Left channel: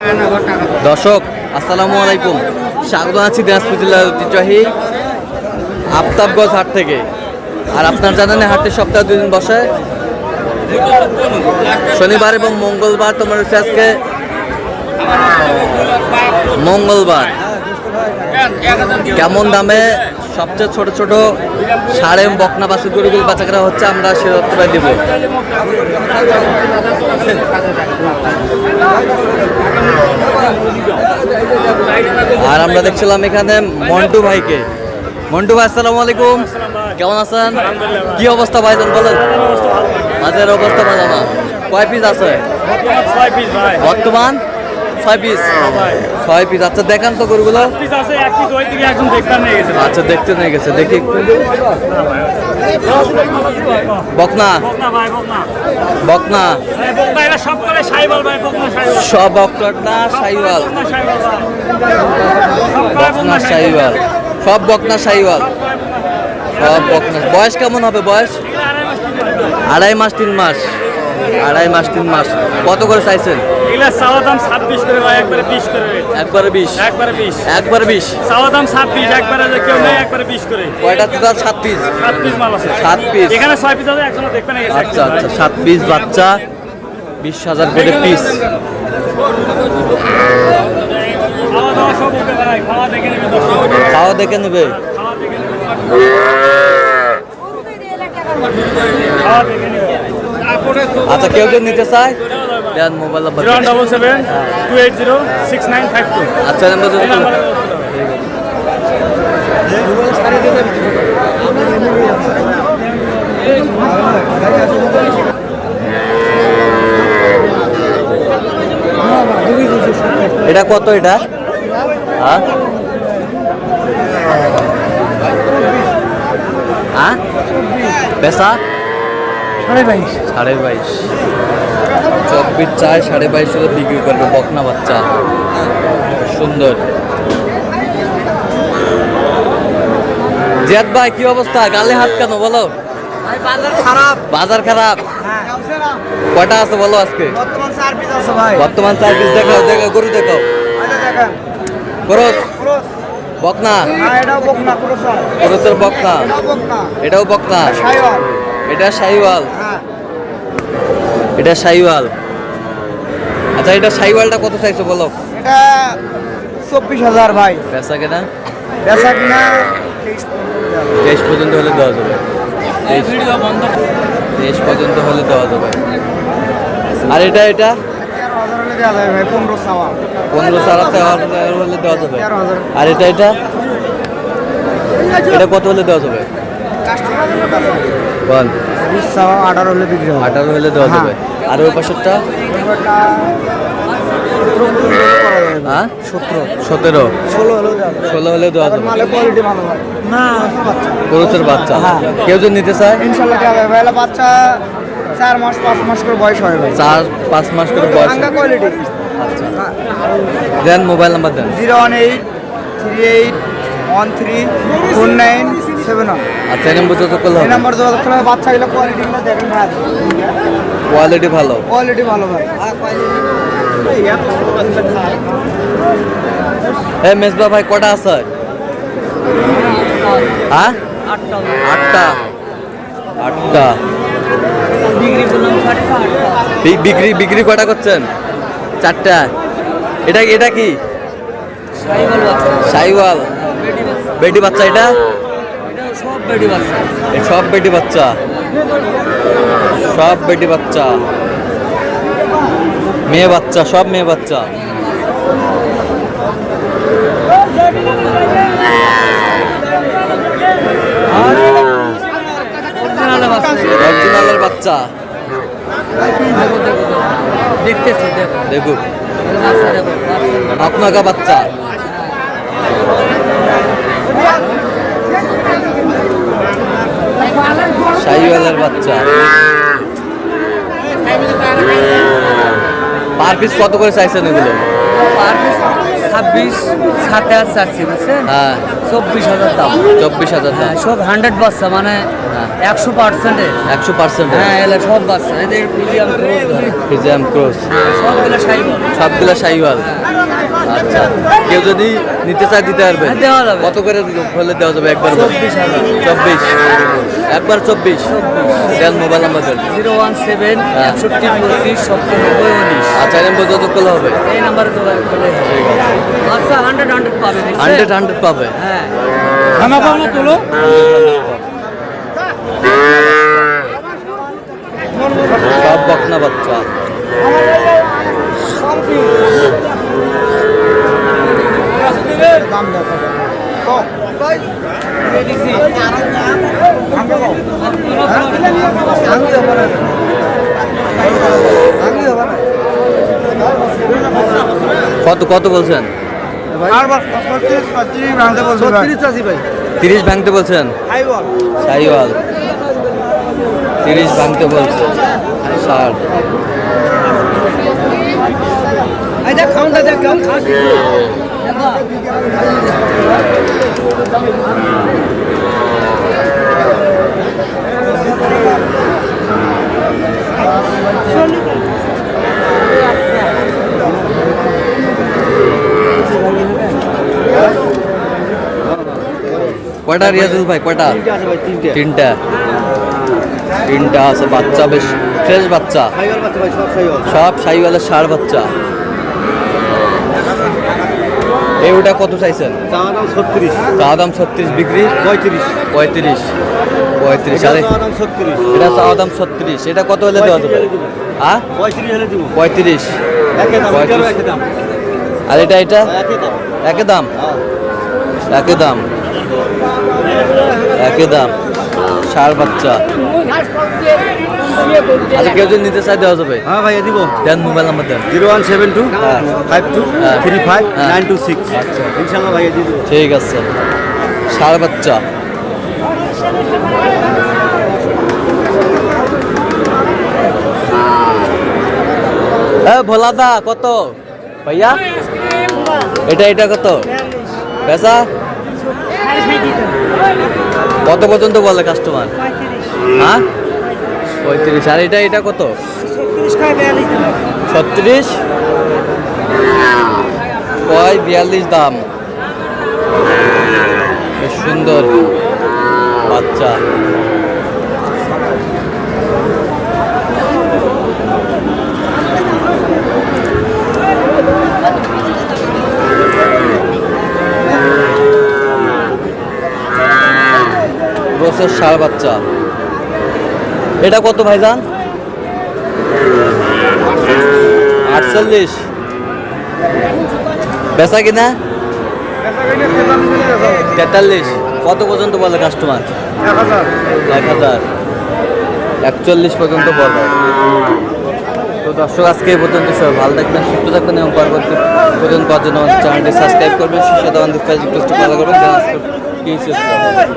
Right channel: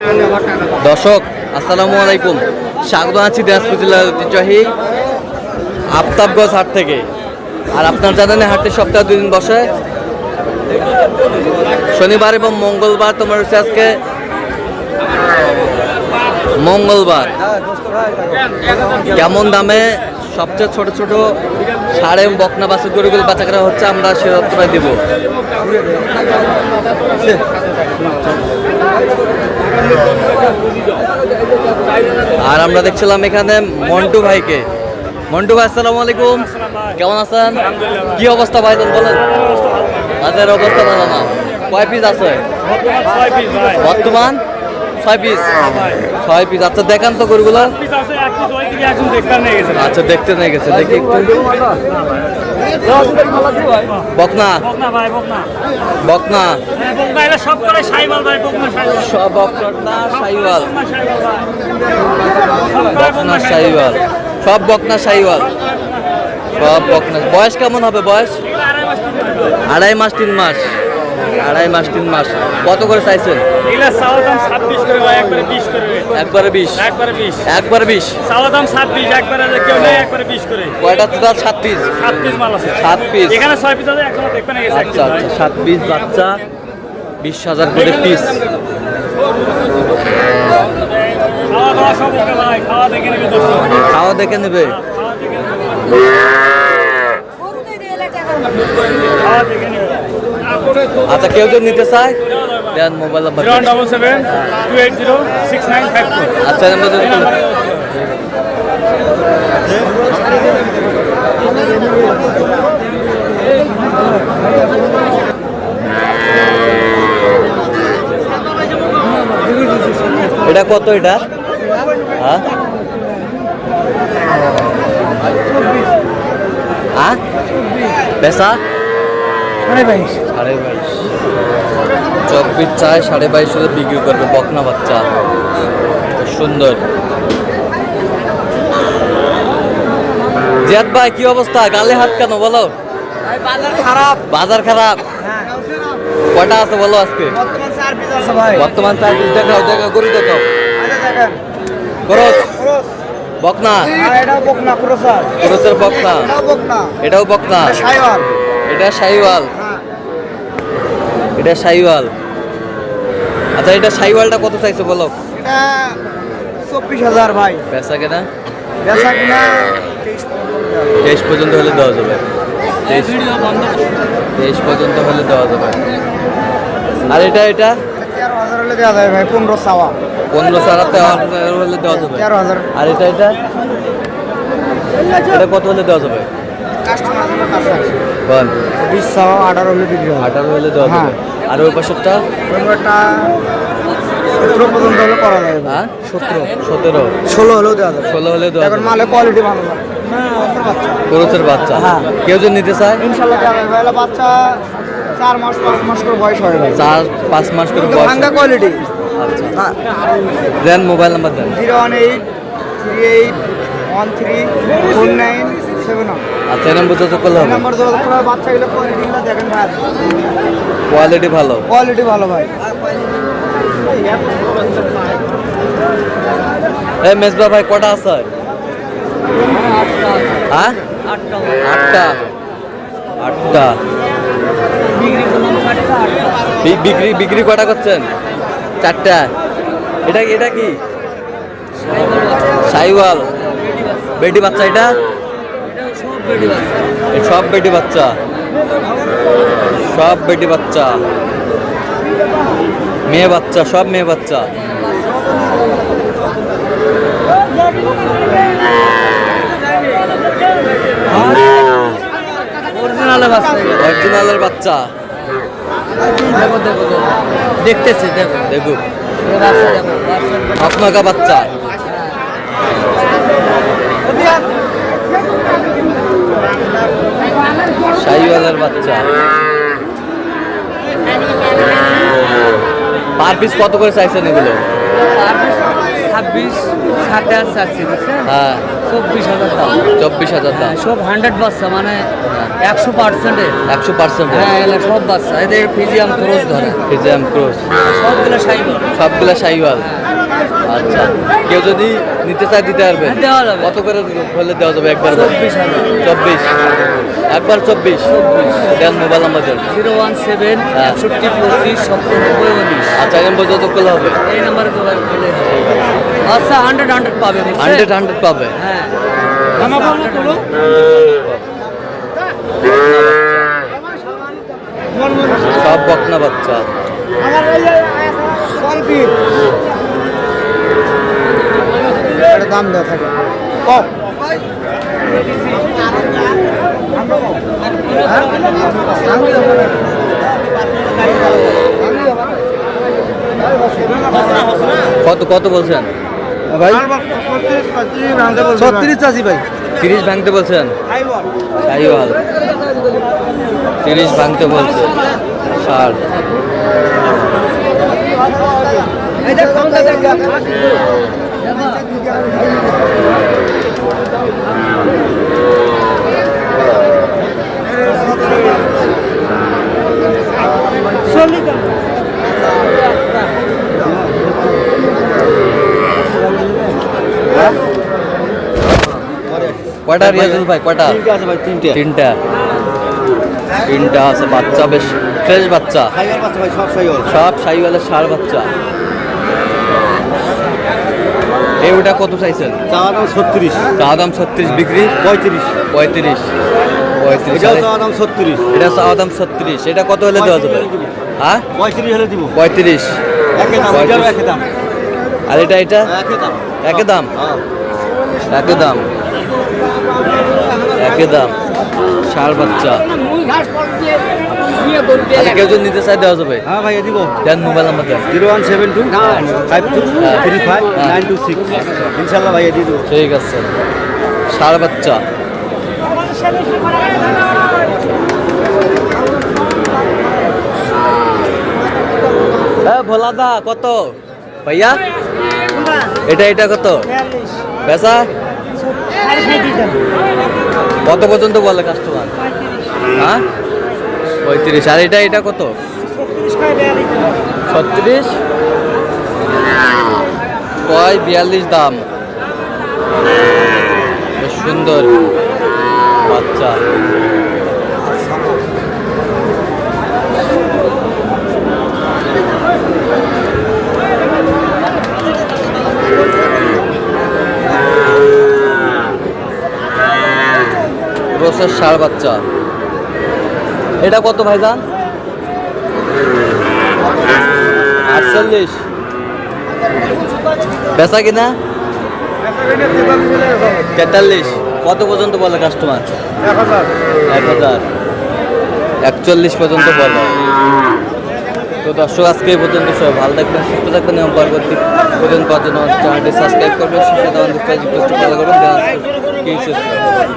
দর্শক আসসালামু আলাইকুম, স্বাগত আছি দিনাজপুর জেলার ঐতিহ্যবাহী আফতাবগঞ্জ হাট থেকে। আর আপনার জানেন হাটে সপ্তাহে 2 দিন বসে, শনিবার এবং মঙ্গলবার। তোমার হচ্ছে আজকে মঙ্গলবার। কেমন দামে সবচেয়ে ছোট ছোট সাড়ে বকনা বাছুর গরুগুলো বেচা করা হচ্ছে, আমরা সে তথ্যটা দিব। আর আমরা দেখছিলাম এখানে মন্টু ভাইকে। মন্টু ভাই আসসালামু আলাইকুম, কেমন আছেন? কি অবস্থা ভাইজান বলেন? বাজারের অবস্থা ভালো না। কয় পিস আছে বর্তমান? 6 পিস। 6 পিস। আচ্ছা দেখান তো গরুগুলো। আচ্ছা দেখতে নিয়ে গেছে, দেখি একটু। বকনা বকনা সব বকনা শাহিওয়াল, বকনা শাহিওয়াল, সব বকনা শাহিওয়াল, সব বকনা। বয়স কেমন হবে? বয়স 2.5 মাস 3 মাস। 2.5 মাস 3 মাস। কত করে চাইছেন? একবারে 20। কয়টা তো? 7 পিস। 7 পিস। আচ্ছা আচ্ছা, 7 পিস বাচ্চা, 20,000 করে পিস। খাওয়া দেখে নেবে। আচ্ছা কেউ যদি নিতে চায় দেন মোবাইল নাম্বার 077-280-6952। আচ্ছা নাম্বার যদি এটা কত? এটা হ্যাঁ পেশা 22.5। 24 চায়, 22.5 বিক্রি করবে। বকনা বাচ্চা সুন্দর। জিয়াদ ভাই কি অবস্থা? গালে হাত কেন বলো? বাজার খারাপ। কয়টা আছে বলো আজকে? বর্তমান 4 পিস। দেখাও দেখাও গরু দেখাও। খরচ বকনা, খরচের বকনা। এটাও বকনা, এটা শাহিওয়াল, এটা শাহিওয়াল। আচ্ছা এটা শাহিওয়ালটা কত চাইছো বলো? 24,000 ভাই। পেশা কেনা? বেচা কিনা 23 পর্যন্ত হলে দেওয়া যাবে। 23 পর্যন্ত হলে দেওয়া যাবে। আর এটা 13,000 হলে দেওয়া যায় ভাই। 15 চাওয়া। 15 সারাতে হলে দেওয়া যাবে। আর এটা এটা কত হলে দেওয়া যাবে বল? 20 চাওয়া, 18 হলে বিক্রি হবে। 18 হলে দেওয়া যাবে। আর ওই পাশেরটা? 17 হলে করা যাবে। হ্যাঁ 17, 17, 16 হলেও দেওয়া যাবে। 16 হলে দেওয়া যাবে। নালে কোয়ালিটি ভালো ভাই। না বাচ্চা, খরচের বাচ্চা। হ্যাঁ। কেউ যদি নিতে চায় ইনশাআল্লাহ দেওয়া যাবে। ভাই বাচ্চা 4 মাস 5 মাস করে বয়স হয় ভাই। 4-5 মাস করে বয়স। কোয়ালিটি। আচ্ছা দেন মোবাইল নাম্বার দেন। 01838134971। আচ্ছা এই নম্বর যোগাযোগ করলে এই হবে। নাম্বার যোগাযোগ করলে বাচ্চাগুলো কোয়ালিটিগুলো দেখেন ভাই। কোয়ালিটি ভালো। কোয়ালিটি ভালো ভাই। এই মেজবা ভাই কটা আছে? হ্যাঁ 8টা। ডিগ্রি করলাম 4টা 8টা। বিক্রি কটা করছেন? 4টা। এটা কি? শাহিওয়াল বেটি বাচ্চা। এটা সব বেটি বাচ্চা, সব বেটি বাচ্চা, মেয়ে বাচ্চা, সব মেয়ে বাচ্চা। অরিজিনালের বাচ্চা দেখতেছি দেখো, আপনাকা বাচ্চা। শাহিওয়ালের বাচ্চা। পার পিস কত করে চাইছেন এগুলো? 26 27 চাচ্ছি বুঝছেন হ্যাঁ 24,000 দাম 24,000 দাম সব 100 বাচ্চা মানে হ্যাঁ 100%। 100% হ্যাঁ এলা সব বাচ্চা এদের ফিজিয়াম ক্রুজ ধরে ফিজিয়াম ক্রস সবগুলো সাইকেল সবগুলা শাহিওয়াল। আচ্ছা, কেউ যদি নিতে চায় দিতে পারবে? হ্যাঁ, দেওয়া যাবে। কত করে হলে দেওয়া যাবে একবার? 24,000 24 একবার 24 দেন। মোবাইল নাম্বার দেন। 017 হ্যাঁ। 61 25 97 19। আচ্ছা, এই নাম্বার যত করলে হবে। এই নাম্বারে যোগাযোগ করলে হবে। আচ্ছা 100 পাবে 100 পাবে। হ্যাঁ সব বকনা বাচ্চা। কত কত বলছেন? 30 ভাঙতে বলছেন। সাইওয়াল 30 ভাঙতে বলছে। 60 কয়টা রিয়াজুল ভাই? কয়টা? তিনটা তিনটা আছে বাচ্চা, বেশ ফ্রেশ বাচ্চা, সব সাইওয়ালের 60 বাচ্চা। এই ওটা কত চাইছেন? চা দাম 36, বিক্রি 35। আরে এটা চা দাম 36, এটা কত হলে দেওয়া যাবে? হ্যাঁ 35। আর এটা একই দাম? একই দাম 60 বাচ্চা। আচ্ছা, কেউ যদি নিতে চাই দেওয়া যাবে? হ্যাঁ ভাইয়া দিব। দেন মোবাইল নাম্বার দেন। 0172 52 35 926। আচ্ছা ইনশাআল্লাহ ভাইয়া দিয়ে দিব। ঠিক আছে। 60 বাচ্চা। ভোলাদা কত ভাইয়া? এটা কত বেচা? কত পর্যন্ত বলে কাস্টমার? হ্যাঁ 35। আর এটা কত? 36 কয় 42 দাম। বেশ সুন্দর বাচ্চা। রোসের 60 বাচ্চা। এটা কত ভাইজান? 48 বেচা কিনা? 43। কত পর্যন্ত বলে কাস্টমার? 1000 41 পর্যন্ত বলে। তো দর্শক, আজকে এই পর্যন্ত সবাই ভালো থাকবেন, সুস্থ থাকবেন এবং পরবর্তী পর্যন্ত পাওয়ার জন্য আমাদের চ্যানেলটি সাবস্ক্রাইব করবেন, সুস্থ থাকবেন, ফলো করবেন।